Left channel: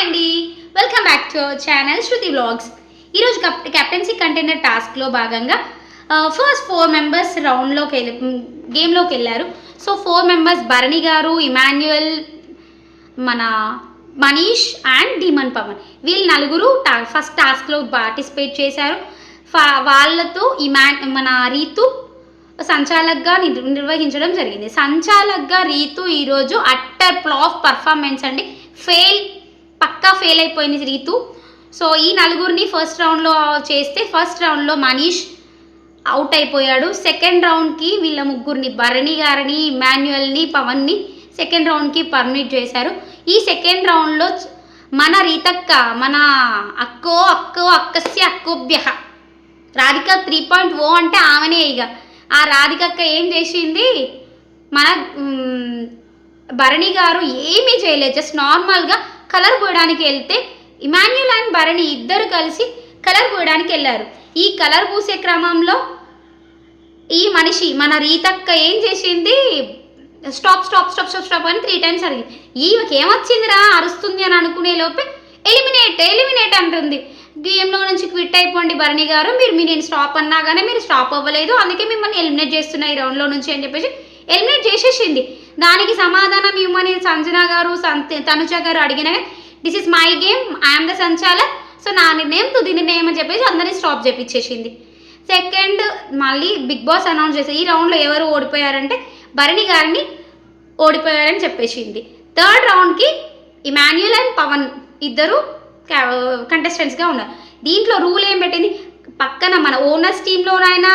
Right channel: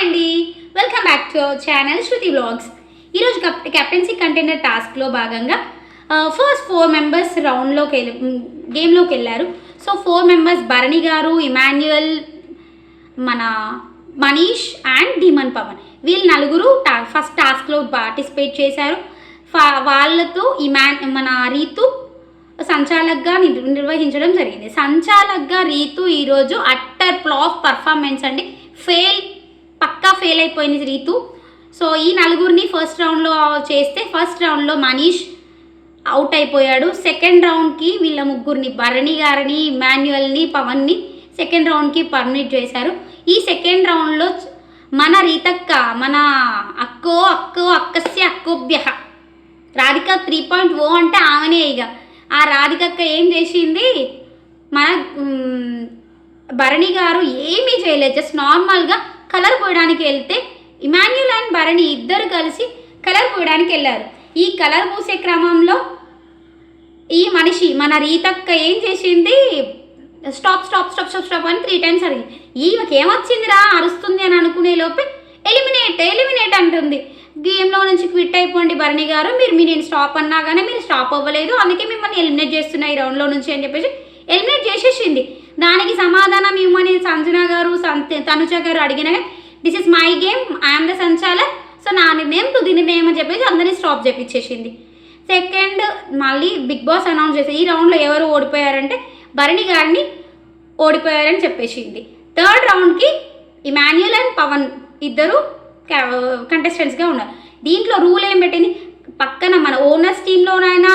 అండి, welcome back to our channel Shruti vlogs. ఈరోజు captaincy container టాస్క్లో భాగంగా ఫస్ట్ 4 మెంబర్స్ గేమ్లోకి వెళ్ళారు. సో 4 మెంబర్స్ భరణి గారు, ఇమాన్యుయల్, మన మనీష్ అండ్ డీమన్ పవన్, వీళ్ళు నలుగురు ఫస్ట్ టాస్క్లో పార్టిసిపేట్ చేశారు. వాళ్ళతో మన రీతు సంచాలక్గా నిర్వహించడం జరిగింది. సంచాలక్గా రీతు ఈరోజు అట్టర్ ఫ్లాప్ పర్ఫార్మెన్స్ అండి. పక్కా ఫెయిల్ అయిపోయింది రీతు. సో ఈ నలుగురిని ఫస్ట్ రౌండ్లో చేస్తే ఫస్ట్ రౌండ్లో మనీష్ అవుట్ అయిపోయాడు. సెకండ్ రౌండ్కి వీళ్ళ ముగ్గురిని, భరణి గారిని, ఇమాన్యుయల్ని, పవన్ని సెకండ్ రౌండ్కి పర్మిట్ చేశారు. ఈ సెకండ్ రౌండ్లో మన రీతక్క, మన అక్కోభ్య రాధిక 3.0 అంటే ఆమెనే. ఇక ఆ రాధికక్క ఏం చేసింది, మన భరణి గారు ఏమీ చేయలేదు, జస్ట్ నార్మల్గా కలర్ పోయడానికి వెళ్తే ఇమాన్యుయల్ అండ్ భరణి ఇద్దరు కలిసి కలర్ పోయడానికి వెళ్ళారు. ఈ కలర్ పూసే క్రమంలో ఈ మనిషి మన రీతక్క ఏం చేసింది, stop stop stop stop stop అని 3 times అడిగింది. ఈమెకి ఏమొచ్చిందిరా అరుస్తుంది అని అనుకునే లోపే ఎలిమినేట్ అంటుంది. గేమ్లో నుంచి క్విట్ అయిపోండి భరణి గారు, నేను స్టాప్ అన్నా కానీ మీరు స్టాప్ అవ్వలేదు, అందుకే మిమ్మల్ని ఎలిమినేట్ చేస్తున్నా ఈ రౌండ్లో నుంచి అని చెప్పేసి ఎలిమినేట్ చేసేసింది. దానికి సమాధానం ఇవ్వమని సంజన గారు, తనుజ గారు అడిగిన, this is my game, I'm the sanchalak, so నా నిర్ణయం తుది నిర్ణయం అని చెప్పేసి అందరినీ స్టాప్ చేపించేసింది. సెకండ్ మళ్ళీ బిగ్ బాస్ అనౌన్స్ చేసి ఈ రౌండ్లో ఎవరు ఓడిపోయారంటే భరణి గారిని ఓడిపోయారని చెప్పేసింది. థర్డ్ రౌండ్కి ఇమాన్యుయల్ అండ్ పవన్ ఇద్దరు కంటెస్టెంట్స్గా ఉన్నారు. దీంట్లో రూల్ ఏం పెట్టింది, పక్కన మన ఓనర్స్ టీంలోనైనా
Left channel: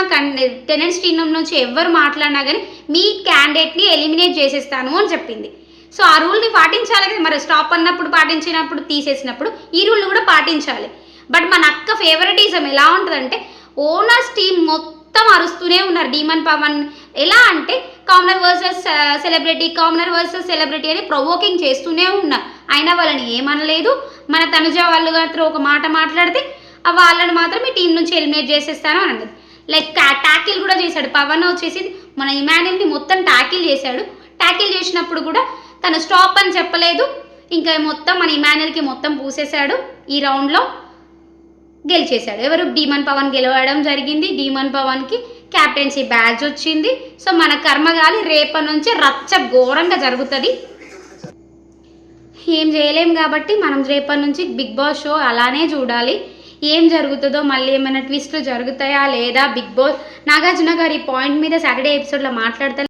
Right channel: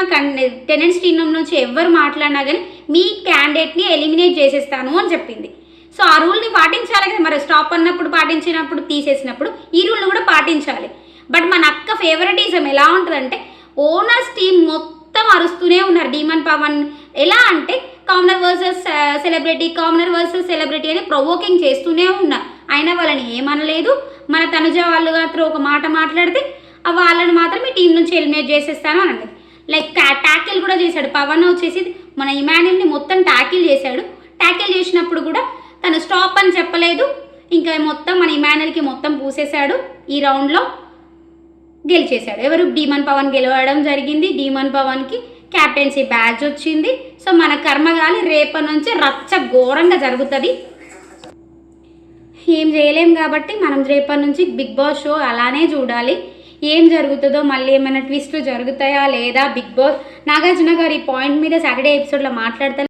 టెనెంట్స్ టీం నుంచి ఎవరు మాట్లాడినా కానీ మీ క్యాండిడేట్ని ఎలిమినేట్ చేసేస్తాను అని చెప్పింది. సో ఆ రూల్ని పాటించాలి కదా, మరి స్టాప్ అన్నప్పుడు పాటించినప్పుడు తీసేసినప్పుడు ఈ రూల్ని కూడా పాటించాలి. బట్ మన అక్క ఫేవరెటిజం ఎలా ఉంటుందంటే ఓనర్స్ టీం మొత్తం అరుస్తూనే ఉన్నారు. డీమన్ పవన్ ఎలా అంటే కామనర్ వర్సెస్ సెలబ్రిటీ అని ప్రొవోకింగ్ చేస్తూనే ఉన్నారు. అయినా వాళ్ళని ఏమనలేదు. మన తనుజ వాళ్ళు మాత్రం ఒక మాట మాట్లాడితే వాళ్ళని మాత్రం మీ టీం నుంచి ఎలిమినేట్ చేసేస్తాను అని అన్నది. లైక్ ట్యాకిల్ కూడా చేశాడు. పవన్ వచ్చేసి మన ఇమాన్యుయల్ని మొత్తం ట్యాకిల్ చేశాడు. ట్యాకిల్ చేసినప్పుడు కూడా తను స్టాప్ అని చెప్పలేదు. ఇంకా మొత్తం మన ఇమాన్యుయల్కి మొత్తం పూసేశాడు. ఈ రౌండ్లో గెలిచేశాడు. ఎవరు, డీమన్ పవన్ గెలవడం జరిగింది. డీమన్ పవన్కి క్యాప్టెన్సీ బ్యాడ్జ్ వచ్చింది. సో మన కర్మగాలి రేపటి నుంచి రచ్చ ఘోరంగా జరుగుతుంది. ఏం చేయలేం కాబట్టి మనం రేపటి నుంచి బిగ్ బాస్ షో అలానే చూడాలి. ఏం జరుగుతుందో, మళ్ళీ ఏమైనా ట్విస్ట్లు జరుగుతాయా లేదా, బిగ్ బాస్ నాగార్జున గారు ఈ పాయింట్ మీద సాటర్డే ఎపిసోడ్లో మాట్లాడతారు.